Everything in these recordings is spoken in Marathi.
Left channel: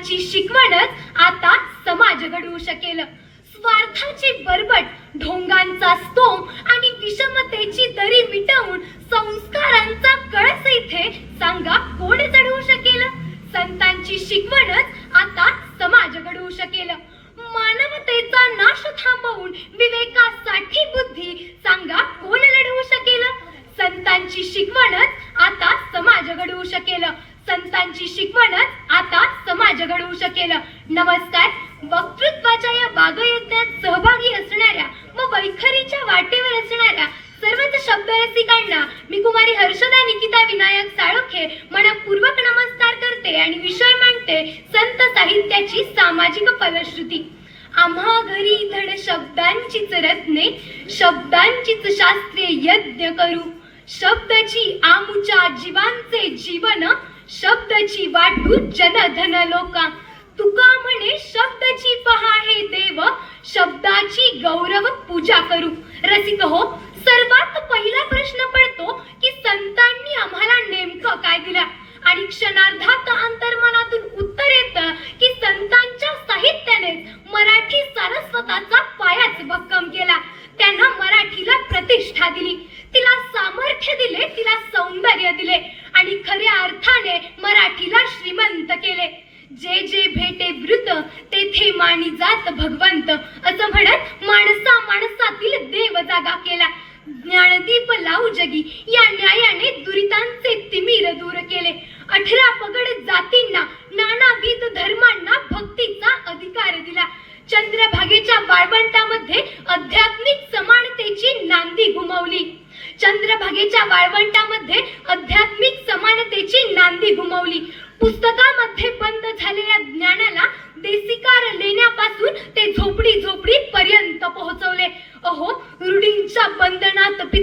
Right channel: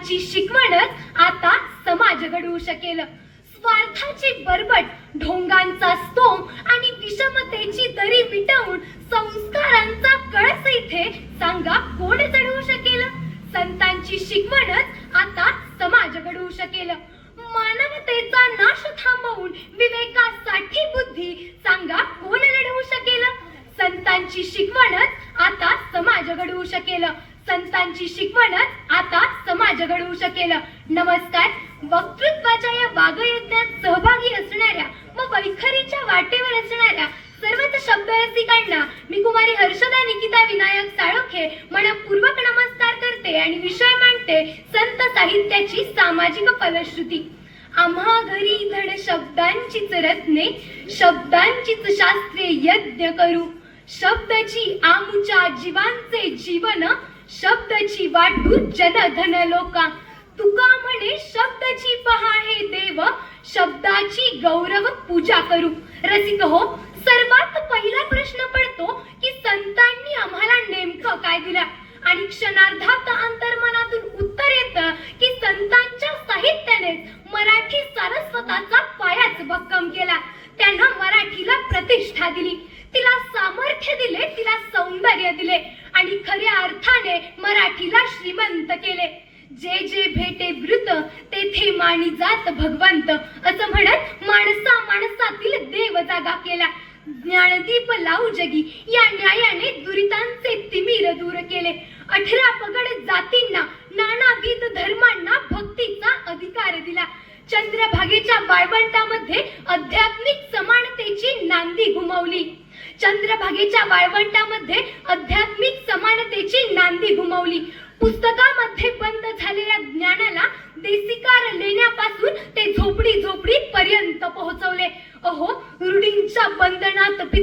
शिगवणत आता समाज घडवू शकेल. स्वार्थाची बरबट ढोंगांचा स्तोम आणि विषमतेची दरी मिटवून संस्कारांचा कळस इथे सांगा कोण चढवू शकेल? संतांची शिकवणच आता समाज घडवू शकेल. मानवतेचा नाश थांबवून विवेकासाठी बुद्धी सांगा कोण लढवू शकेल? संतांची शिकवणच आता समाज घडवू शकेल. संतांची शिकवणच आता समाज घडवू शकेल. नमस्कार. वक्तृत्वाच्या या बागयज्ञात सहभागी असणाऱ्या व वैखरीच्या वाटेवर असणाऱ्या सर्वच शब्द रसिकांना मी कुमारी हर्षदा निकिता विनायक साळोखे मनपूर्वक नमस्कार करते आणि विषय मांडते संत साहित्याची सामाजिक फलश्रुती. आम्हा घरी धड शब्दांचीच रत्ने शब्दांचीच शास्त्रे यज्ञ करू. शब्दची आमुच्या जीवांचे जीवन भक्तची वाटू जनधन लोका. तुका म्हणे शब्दाची पहा हे देव शब्दाची गौरव पूजा करू. रसिक हो सर्वात पहिला प्रश्न पडतो. जागा केला. ज्ञानदीप लावू जगी. या न्यायाने दुरितांचे तिमीर दूर केले. अठरा पगड जातींना नानाविध धर्मांना भक्तीचा अधिकार दिला. चंद्रभागेच्या वाळवंटामध्ये आध्यात्मिक समानतेची नांदी घुमवली. चंद्रभागेच्या वाळवंटामध्ये आध्यात्मिक समानतेची नांदी घुमवली. पुस्तकामध्ये बंद झालेल्या ज्ञानाला देसिकार लेण्यापासून ते झोपडी झोपडी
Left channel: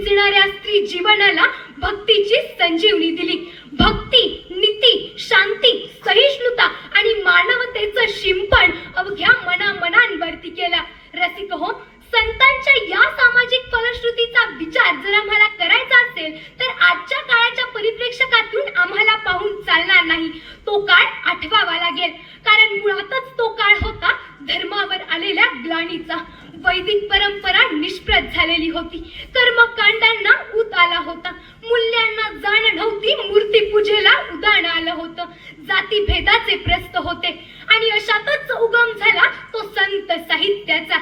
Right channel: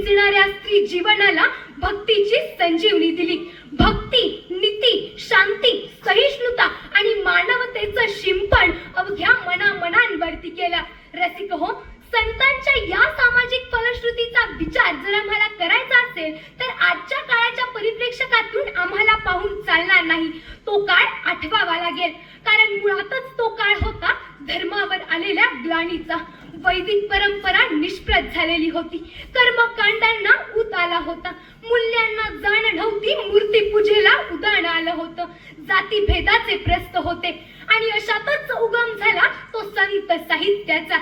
बंधनात स्त्री जीवनाला भक्तीची संजीवनी दिली. भक्ती नीती शांती सहिष्णुता आणि मानवतेचं शिंपण अवघ्या मनामनांवरती केलं. रसिक हो संतांच्या या सामाजिक फलश्रुतीचा विचार जर आम्हाला करायचा असेल तर आजच्या काळाच्या परिप्रेक्षकातून आम्हाला पाहून चालणार नाही. तो काळ आठवावा लागेल. कारण मुळातच तो काळ होता धर्मावर आलेल्या ग्लानीचा. वैदिक परंपरा निष्प्रत झालेली होती. कर्मकांडांना उत आला होता. मूल्यांना जाण नव्हती मूर्ती पूजेला उदाहरण आलं होतं. जाती भेदाचे प्रस्त होते. आणि अशातच उगम झाला तो संत साहित्याचा.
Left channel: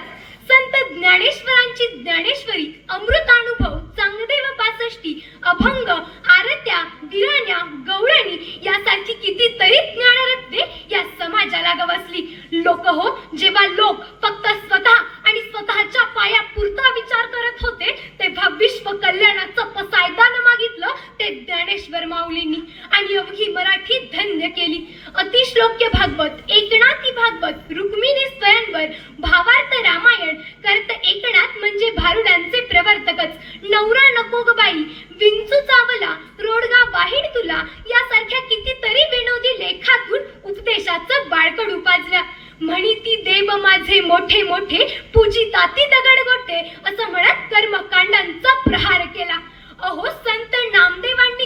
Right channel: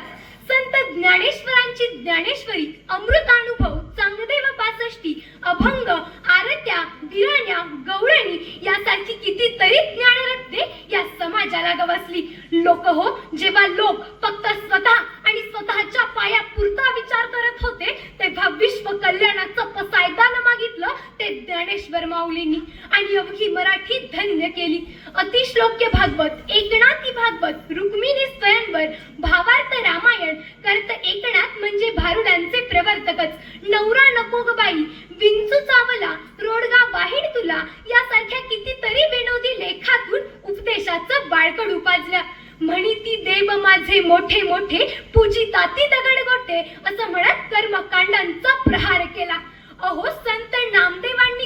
संत ज्ञानेश्वरांची ज्ञानेश्वरी अमृतानुभव चांगदेव पासष्टी अभंग आरत्या दिराण्या गौरणी यासारखी कितीतरी ज्ञानरत्ने या समाजाला गवसली. लोक हो जेव्हा लोक फक्त स्वतः आणि स्वतःच्या पाया पुरता विचार करत होते तेव्हा विश्व कल्याणाचं पसायदान मागितलं ते ज्ञानेश्वर माऊलींनी आणि अवघी मराठी धन्य केली. अतिश्लोक्य भागवत एकनाथी भागवत रुक्मिणी स्वयंवर भावार्थ रामायण कर्त एकनाथ म्हणजे भारुडांचे प्रवर्तकच. नवरा नको ग बाई विंचू चावला रोडगा वाहिड तुला यासारख्या कितीतरी विनोदी लेखातून उपदेशाचं बाळकड उपाजलं. म्हणी ती देव माझे मोठे मोठे पूजिताती दगड गोटे असं म्हणत कर्मकांडांचा प्रहार केला. अहो संत नामदेवांनी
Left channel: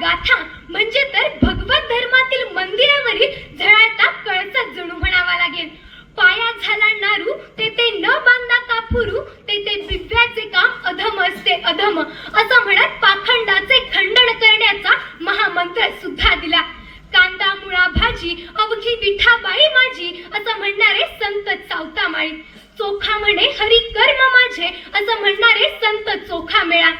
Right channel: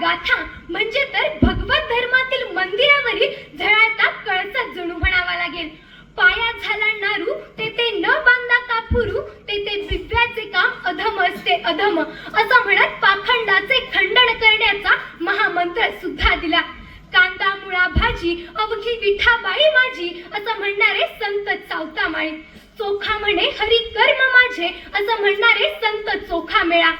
गाथा. म्हणजे तर भगवत धर्मातील मंदिरावरील झळाळता कळसा जणू म्हणावा लागेल. पाया झाला नारू तेथे न बांधा कापुरू तेथे ते दिव्याचे काम अधम असते अधम. असं म्हणत पाखंडाचे खंडन करण्याचा महामंत्र सुद्धा दिला. कांदा मुळा भाजी अवघी विठाबाई माझी असं म्हणणारे संत चावता माळी चोखा म्हणे हरी कर्म माझे असं म्हणणारे संत चोखा मेळा.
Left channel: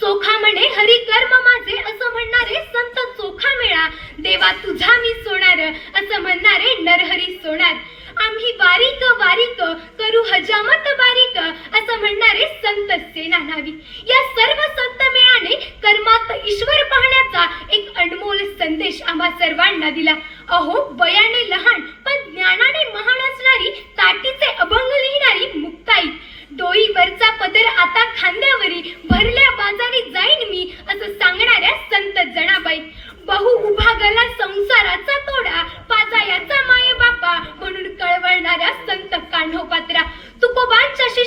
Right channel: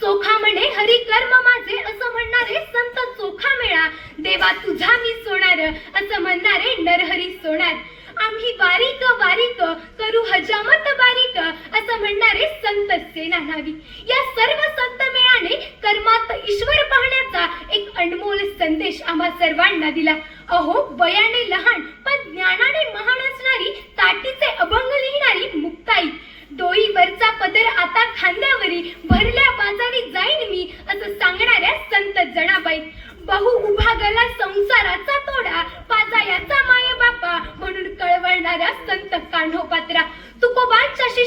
चोखा म्हणे हरी कर्म माझे असं म्हणणारे संत चोखा मेळा. देवा तुझा मी सोनार असं म्हणणारे नरहरी सोनार आम्ही वारीक वारीक करू हजामत बारीक असं म्हणणारे संत सेना नावी या सर्व संत मेळाने कर्मात ईश्वर पाहण्याचा एक अनमोल संदेश आम्हा सर्वांना दिला. अहो वयाने लहान पण ज्ञानाने महान असणारी ताटीचे अभंग लिहिणारी मुक्ताई. डोईवरचा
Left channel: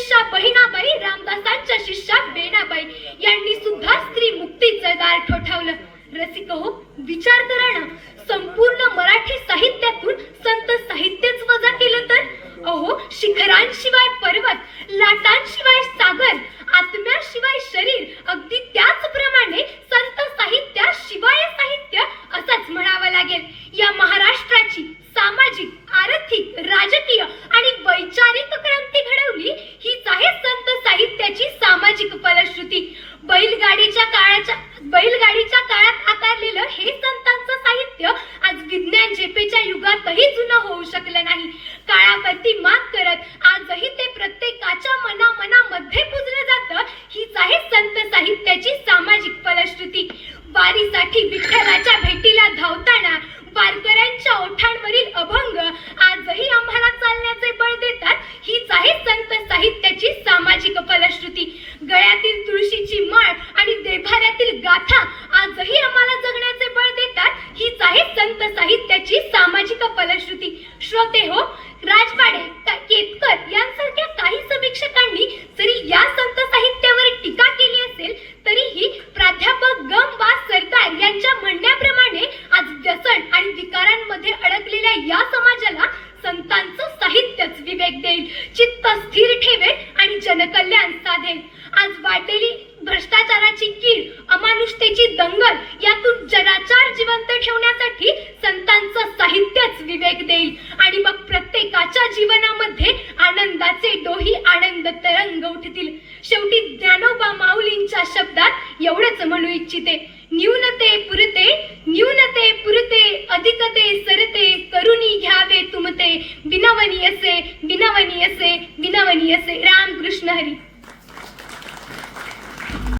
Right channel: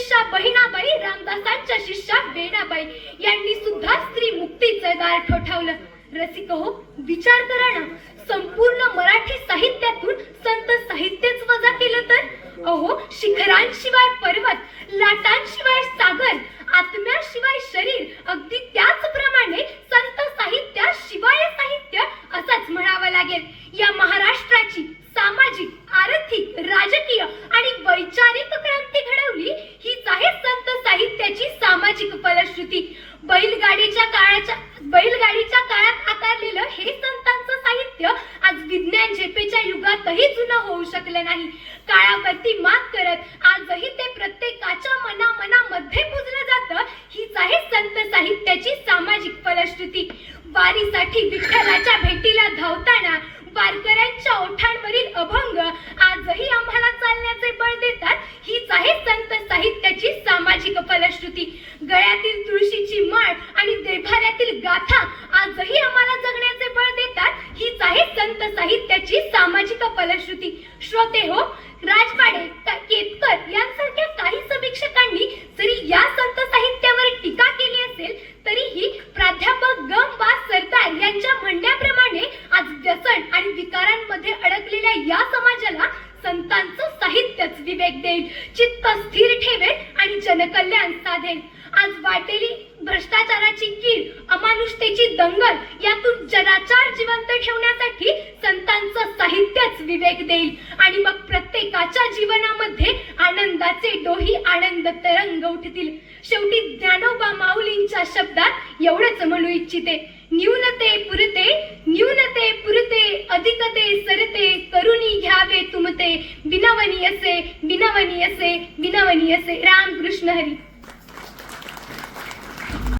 शिष्या बहिणाबाई रामदासांच्या शिष्या बेणाबाई यांनी सुद्धा स्त्री मुक्तीचं दार ठोठावलं. रसिक हो विचार करा ना. संपूर्ण मराठी साहित्यातून संत साहित्यच वजा केलं तर? अहो शिखरांशिवाय पर्वत लाटांशिवाय सागर आत्म्याशिवाय शरीर अगदी त्याचप्रमाणे संत साहित्या शिवाय साहित्य असंच म्हणावं लागेल. या महाराष्ट्राची सामाजिक आर्थिक राजकीय साहित्याची सामाजिक फलश्रुती श्रोते हो राजवाडे केतकर यांसारख्या न्यूनते पुरते न्यूनते पुरते अधिकते सरते करुणी घ्यावे तुमते. विनवनी असे विनवनी असे विनवनी असे राम कृष्ण हरी.